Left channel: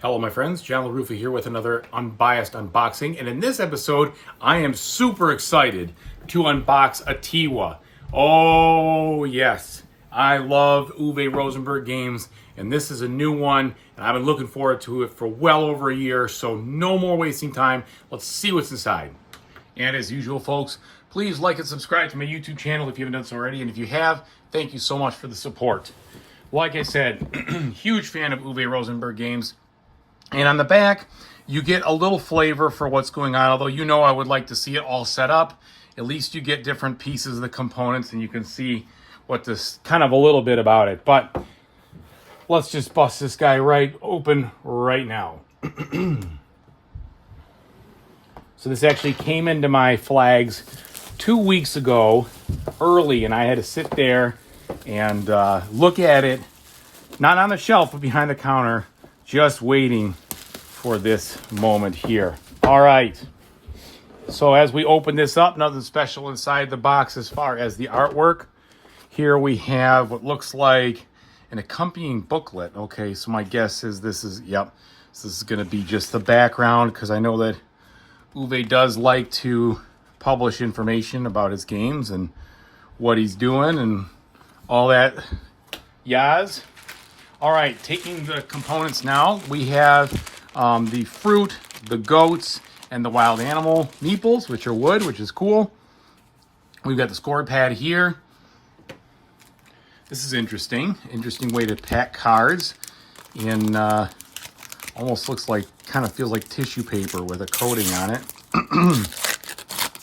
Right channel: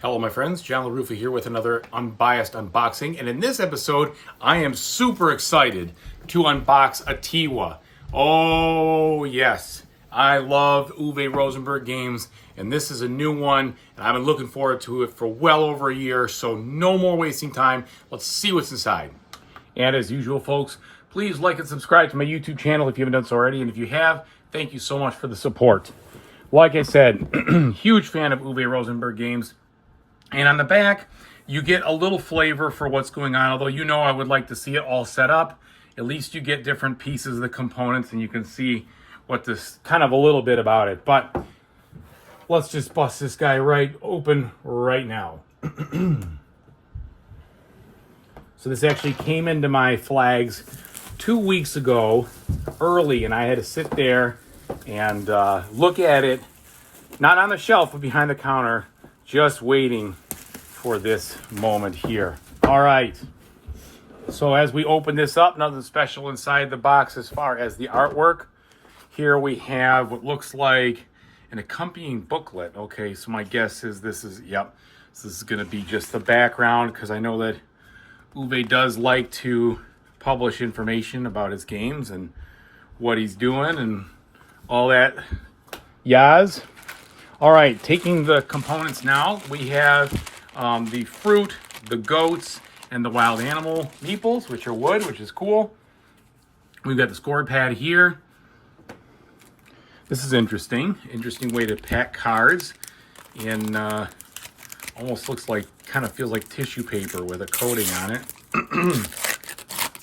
Hello my friends, John LaRuffa here with another Unbiased unboxing, and in this episode I am super excited to unbox Atiwa. Oh yes, I love Uwe Rosenberg games, and this is a new one, and I've been looking forward to it for well over a year, so no more wasting time. Let's see what's inside. And as usual folks, please like and subscribe to my YouTube channel if you haven't done so already, and if you have, thank you so much for the support. Like I said, huge fan of Uwe Rosenberg games. And on the back, you get a little flavor for what's going on, although you know I would like to see it all set up. At least you get different pieces of the components and you can see what this, kind of a little bit about it. But let's just bust this guy right open right now. So this actually came into my flags 2 weeks ago, early, and I had to sit there and look at it, not on the shelf, but behind the counter, just waiting for this moment here. All right, so as we open this up, nothing special inside the box as far as the artwork. Here we have what looks like an accompanying booklet. Okay, so my guess is this is, yep, so this is gonna be just the background, because I know that Uwe does like to publish information about his games and what he's doing and all that yaz. All right, taking the components now, we have the fruit, the goats, and the wild animal meeples, which are wood, which is cool. We've got the score pad here. This is interesting way to pack cards in, almost looks like, kind of feels like tissue paper with a coating on it.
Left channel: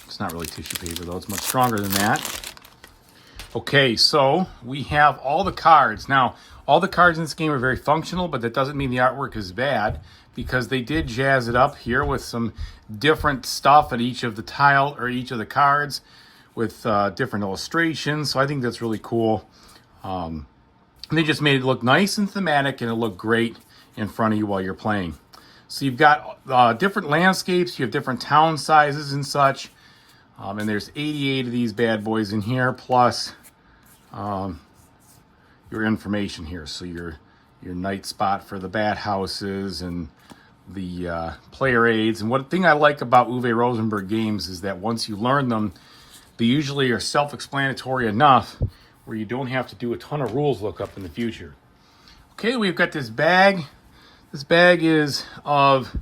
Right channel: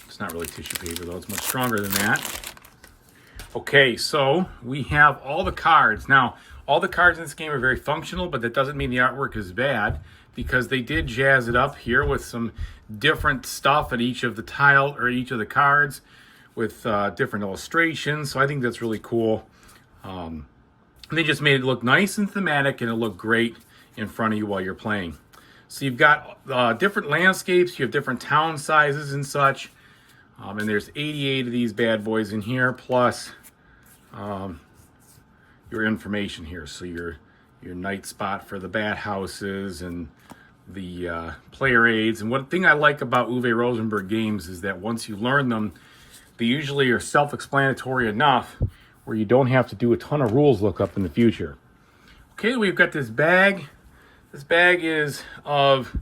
It's not really tissue paper though, it's much stronger than that. Okay, so we have all the cards. Now, all the cards in this game are very functional, but that doesn't mean the artwork is bad, because they did jazz it up here with some different stuff at each of the tile, or each of the cards, with different illustrations. So I think that's really cool. They just made it look nice and thematic, and it looked great in front of you while you're playing. So you've got different landscapes, you have different town sizes and such, and there's 88 of these bad boys in here, plus your information here. So your night spot for the bat houses and the player aids. And one thing I like about Uwe Rosenberg games is that once you learn them, they usually are self-explanatory enough where you don't have to do a ton of rules lookup in the future. Okay, we've got this bag. This bag is of,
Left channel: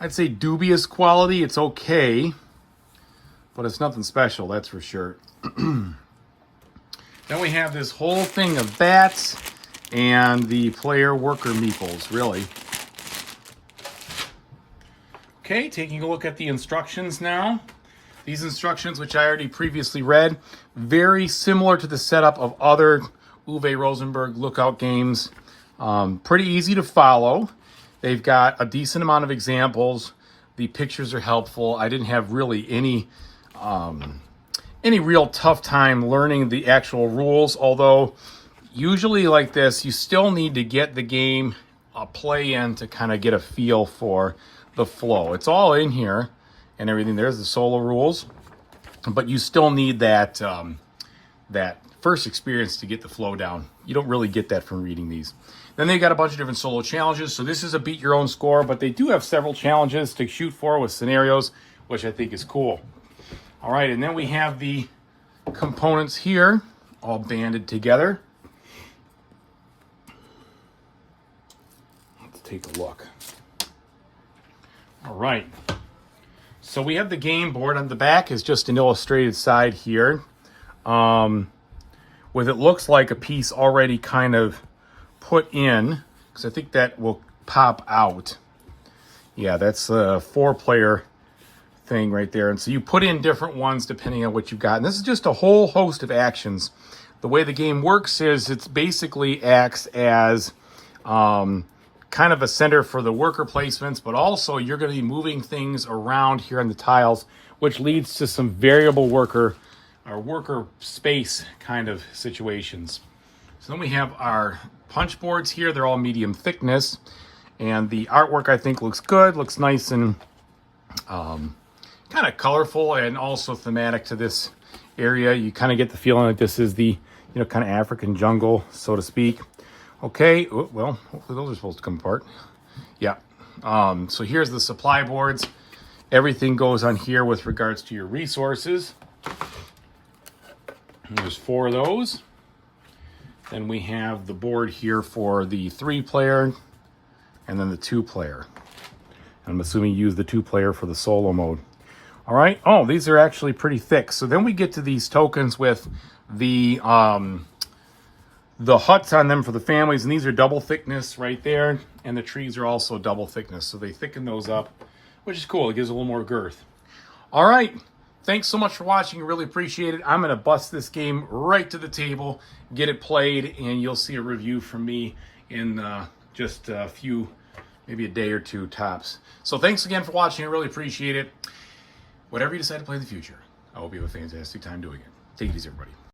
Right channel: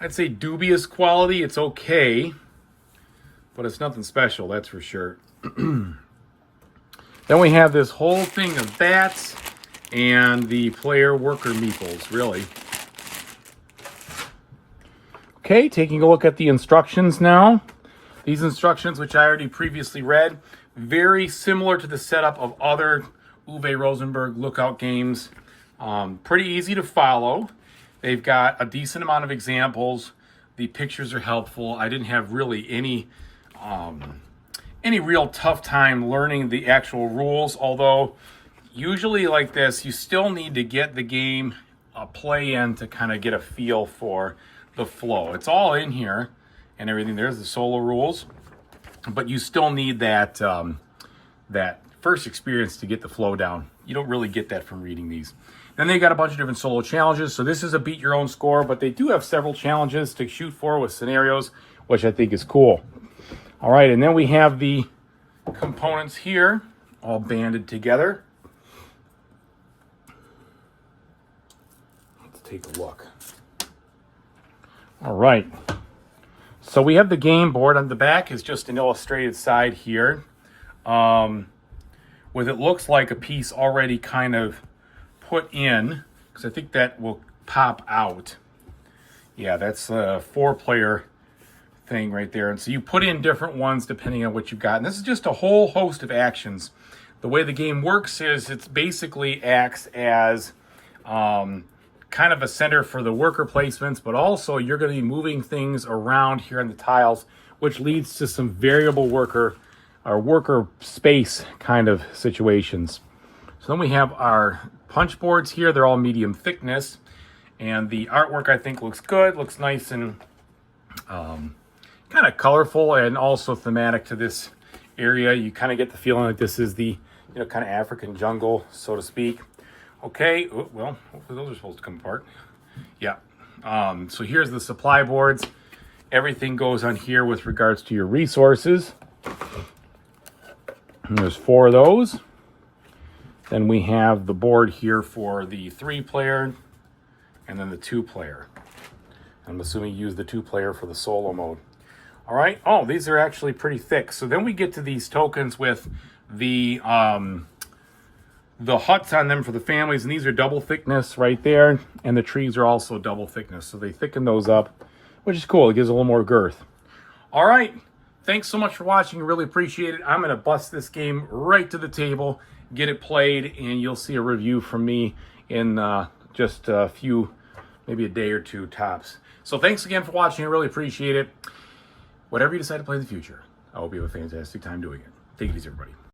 I'd say, dubious quality. It's okay, but it's nothing special, that's for sure. Then we have this whole thing of bats and the player worker meeples, really. Okay, taking a look at the instructions now. These instructions, which I already previously read, very similar to the setup of other Uwe Rosenberg Lookout games. Pretty easy to follow. They've got a decent amount of examples. The pictures are helpful. I didn't have really any real tough time learning the actual rules, although usually like this, you still need to get the game a play in to kind of get a feel for the flow. It's all in here and everything. There's the solo rules, but you still need that that first experience to get the flow down. You don't really get that from reading these. Then they got a bunch of different solo challenges. So this is a beat your own score, but they do have several challenges to shoot for with scenarios, which I think is cool. All right, and then we have the components here all banded together. Let's take a look. All right, so we have the game board. On the back is just an illustrated side here, with it looks like a piece already kind of put in, because I think that will pop out. Yeah, that's a 4-player thing right there. And so you put in different ones depending on what you've got. And this is just a whole host of actions. The way the game works is it's basically acts as kind of a center for the worker placements, but also you're going to be moving things around here on the tiles, which leads to some variable worker space kind of situations. So then we have our punch boards here. They're all medium thickness, and the artwork I think looks good, looks nice and kind of colorful and also thematic to this area. You kind of get the feeling that this is the, kind of African jungle, so to speak. Okay, well, hopefully those are supposed to come apart. Yeah. So here's the supply boards. Everything goes on here with regards to your resources. And there's 4 of those. Then we have the board here for the 3-player and then the 2-player. I'm assuming you use the 2-player for the solo mode. All right. Oh, these are actually pretty thick. So then we get to these tokens with the huts on them for the families, and these are double thickness right there, and the trees are also double thickness. So they thicken those up, which is cool. It gives a little more girth. All right. Thanks so much for watching. I really appreciate it. I'm going to bust this game right to the table, get it played, and you'll see a review from me in just a few, maybe a day or 2 tops. So thanks again for watching. I really appreciate it. Whatever you decide to play in the future, I hope you have a fantastic time doing it. Take it easy, everybody.